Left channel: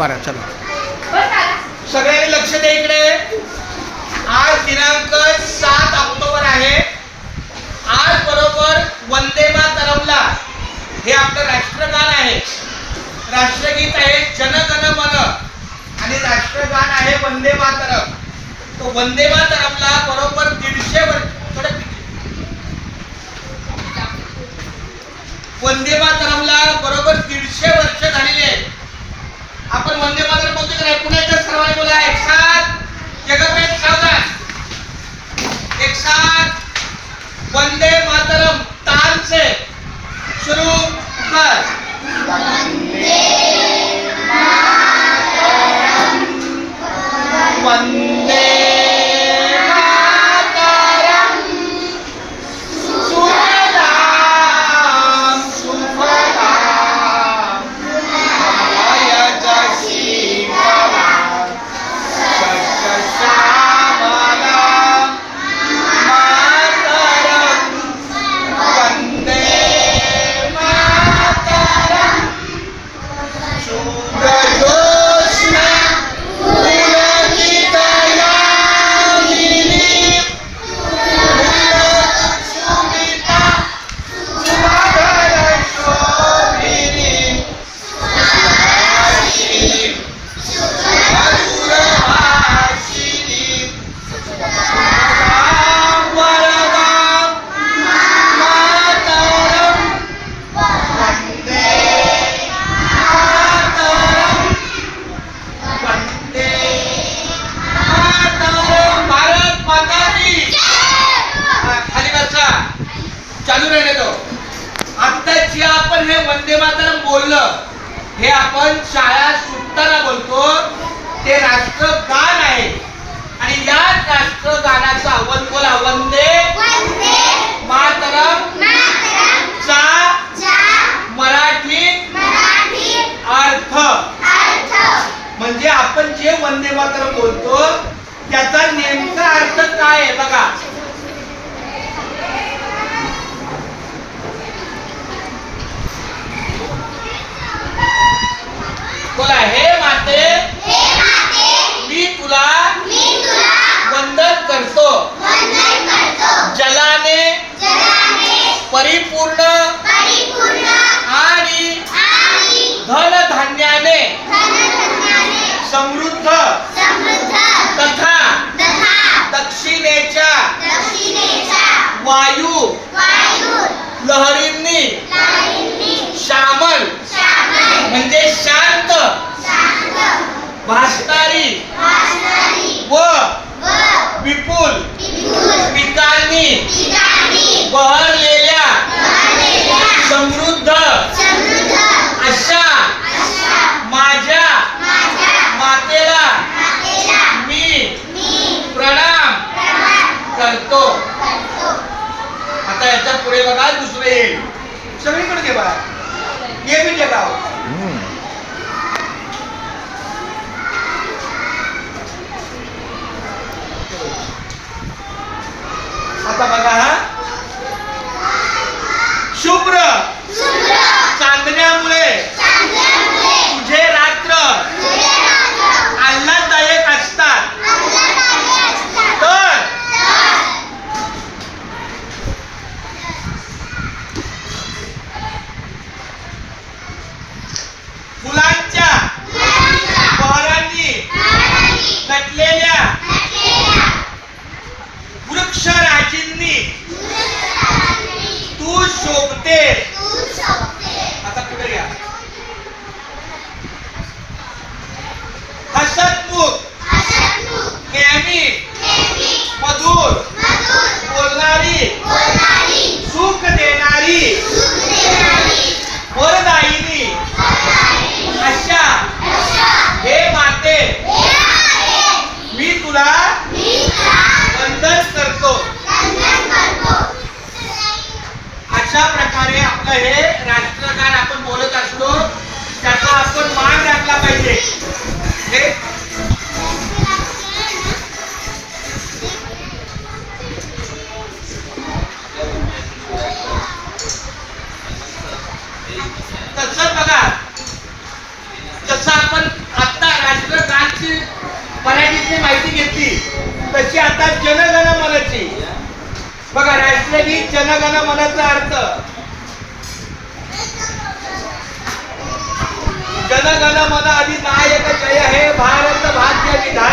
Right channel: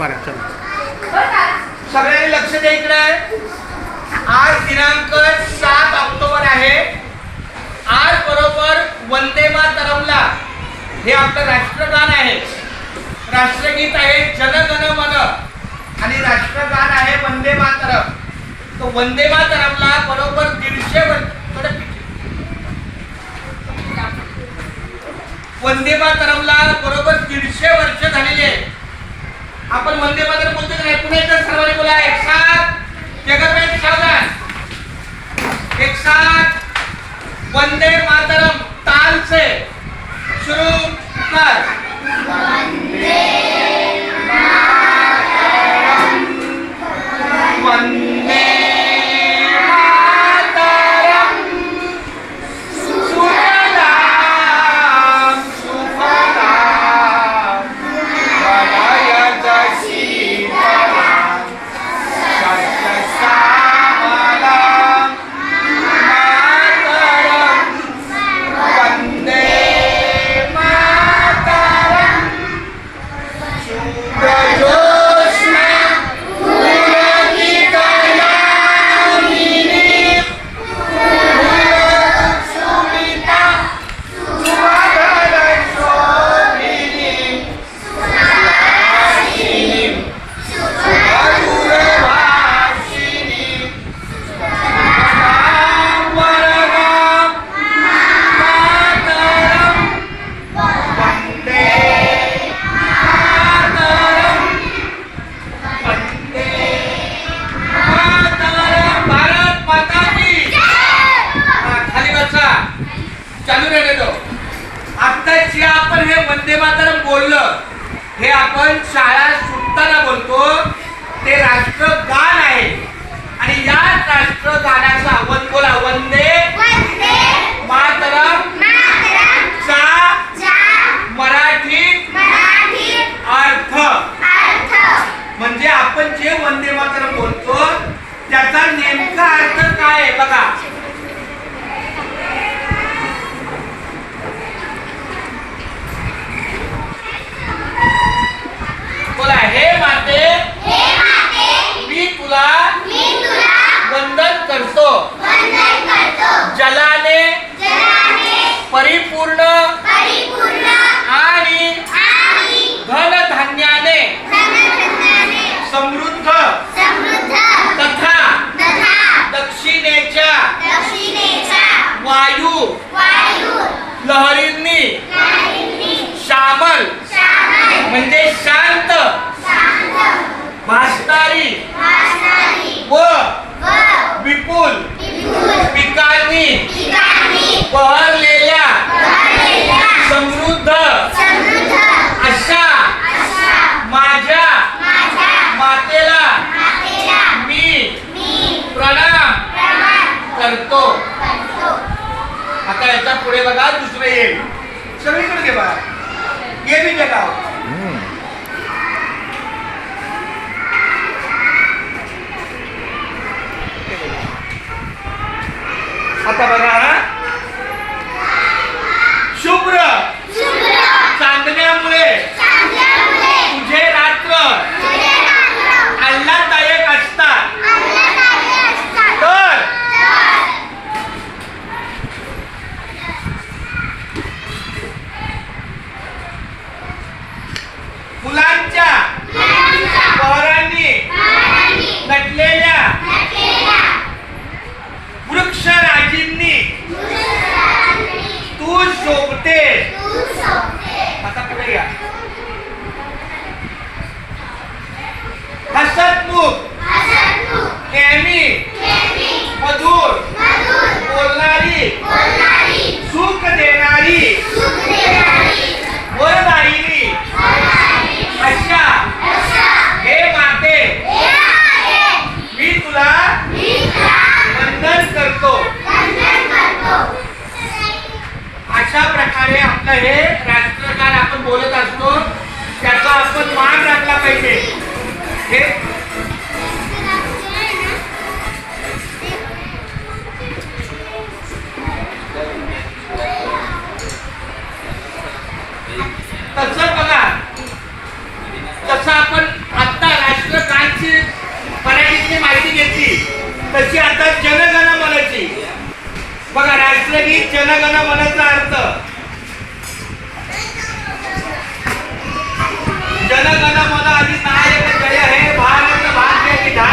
बरं चला. सगळ्यांनी लक्ष द्या इकडे. आज दिनांक 7 ऑक्टोबर आहे. आज बरोबर वंदे मातरमला हे आपलं राष्ट्रगान आहे. राष्ट्रगीत आहे जनगण मन आणि राष्ट्रगान आहे वंदे मातरम. तो वंदे मातरमला बरोबर 150 वर्ष. वंदे मातरमला बरोबर 150 वर्ष झालेली आहे. आपण वंदे मातरम बोलतो की नाही? पुन्हा एकदा सर्वांनी बोला एक साथ. जगभरात सावधान. एक साथ वंदे मातरम. ताल से शुरू कर. वंदे मातरम. वंदे चालू राहिले तो. आता जे आपण हे वंदे मातरम बोललं हे आपण शाळा सुटताना बोलतो. ते राष्ट्रगान आहे आणि या राष्ट्रगानाचा बोला वंदे मातरम चा मराठी अर्थ म्हणजे आपण जे वंदे मातरम बोलतो त्याचा नेमका अर्थ काय आहे बघा. बोला हे माते मी तुला वंदन करतो. जलाने परिपूर्ण आणि धनधान्याने समृद्ध तथा दक्षिणेच्या वायू लहरींनी श्यामल म्हणजे शांत भासणारी व विपुल पिकांनी बहरलेल्या समृद्ध अशा माझ्या मातेला मी प्रणाम करतो. आता याच्या पुढे बघा दुसरे येईल. सगळीकडे घे बघा. ये भी जगाओ. आता बघा शुभ्र चांदण्यामुळे तुझे रात्र आल्हाददायक असतात. तर फुलांच्या बहरांनी नटलेल्या वृक्षराजींनी तू शोभते. आता पुढे घ्या. हसतमुख नेहमी मधुर बोलणारी सुख देणारी वरदायिनी अशा हे माते मी तुला वंदन करतो. अशा प्रकारे आपलं हे राष्ट्रगान आपण बोलत असतो. त्याचा आपण मान राखला पाहिजे. हे तसं बघा. जसं आपण मराठीची मराठीतली माहिती घेतली तशी आता जनगण मनची बघा. राष्ट्रगीत जनगण मनचा अर्थ जनगण मन अधिनायक जय हे भारत भाग्य विधाता.